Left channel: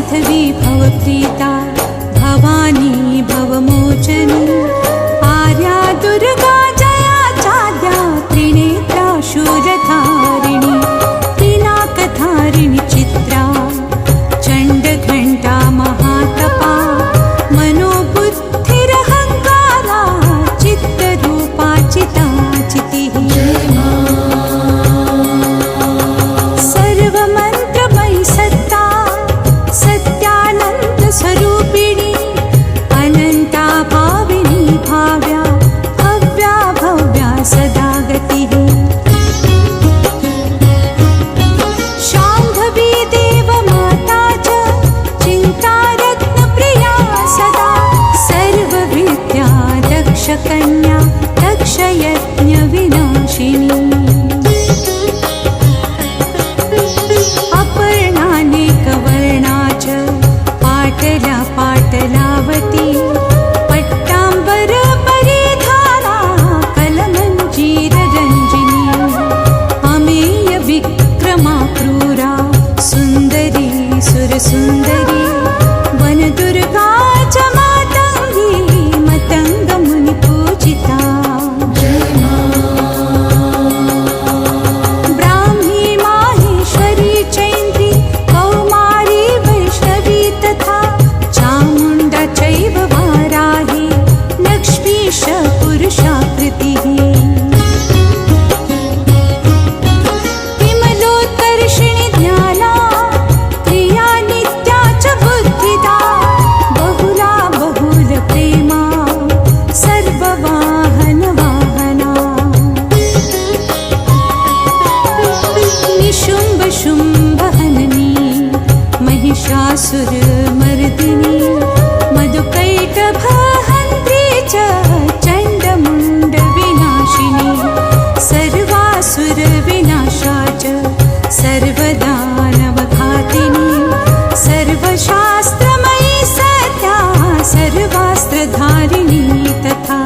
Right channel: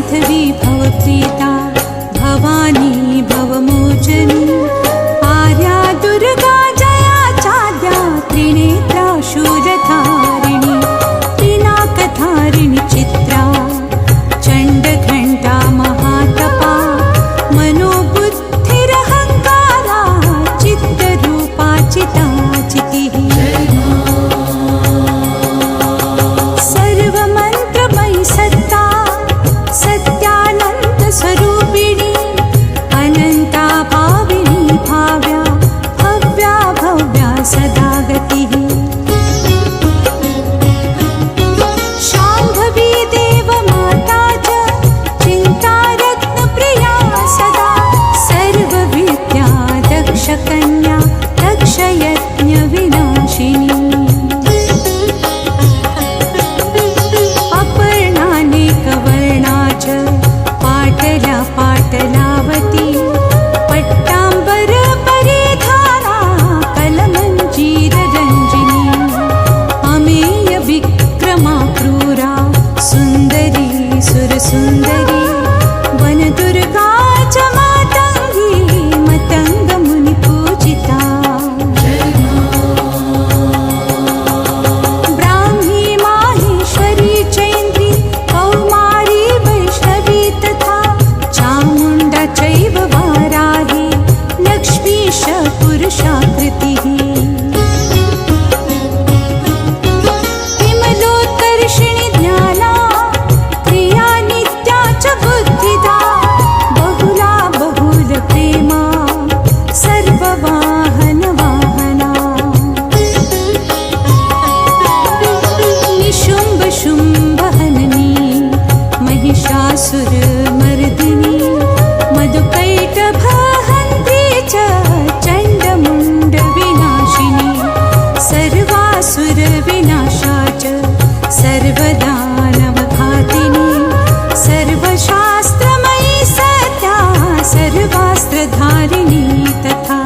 माधवी भवप्रीता भवानी भवमोचनी आर्या दुर्गा जया चाद्या त्रिनेत्रा शूरधारिणी पिनाकधारिणी चित्रा चण्डघण्टा महातपा मनोबुद्धिरहङ्कारा चित्तरूपा चिताचितिः सर्वमन्त्रमयी सत्ता सत्यानन्दस्वरूपिणी अनन्ता भाविनी भाव्या भव्या भव्या सदा गतिः शाम्भवी देवमाता च चिन्तारत्नप्रिया सदा सर्वविद्या दक्षकन्या दक्षयज्ञविनाशिनी अपर्णानेकवर्णा च पाटला पाटलावती पट्टाम्बरपरिधाना कलमञ्जीररञ्जिनी अमेयविक्रमा क्रूरा सुन्दरी सुरसुन्दरी वनदुर्गा च मातङ्गी मतङ्गमुनिपूजिता ब्राह्मी माहेश्वरी चैन्द्री कौमारी वैष्णवी तथा चामुण्डा चैव वाराही लक्ष्मीश पुरुषाकृतिः विमलोत्कर्षिणि ज्ञाना क्रिया नित्या च बुद्धिदा बहुला बहुलप्रेमा सर्ववाहनवाहना निशुम्भशुम्भहननी महिषासुरमर्दिनी मधुकैटभहन्त्री च चण्डमुण्डविनाशिनी सर्वासुरविनाशा च सर्वदानवघातिनी सर्वशास्त्रमयी सत्या सर्वास्त्रधारिणी तथा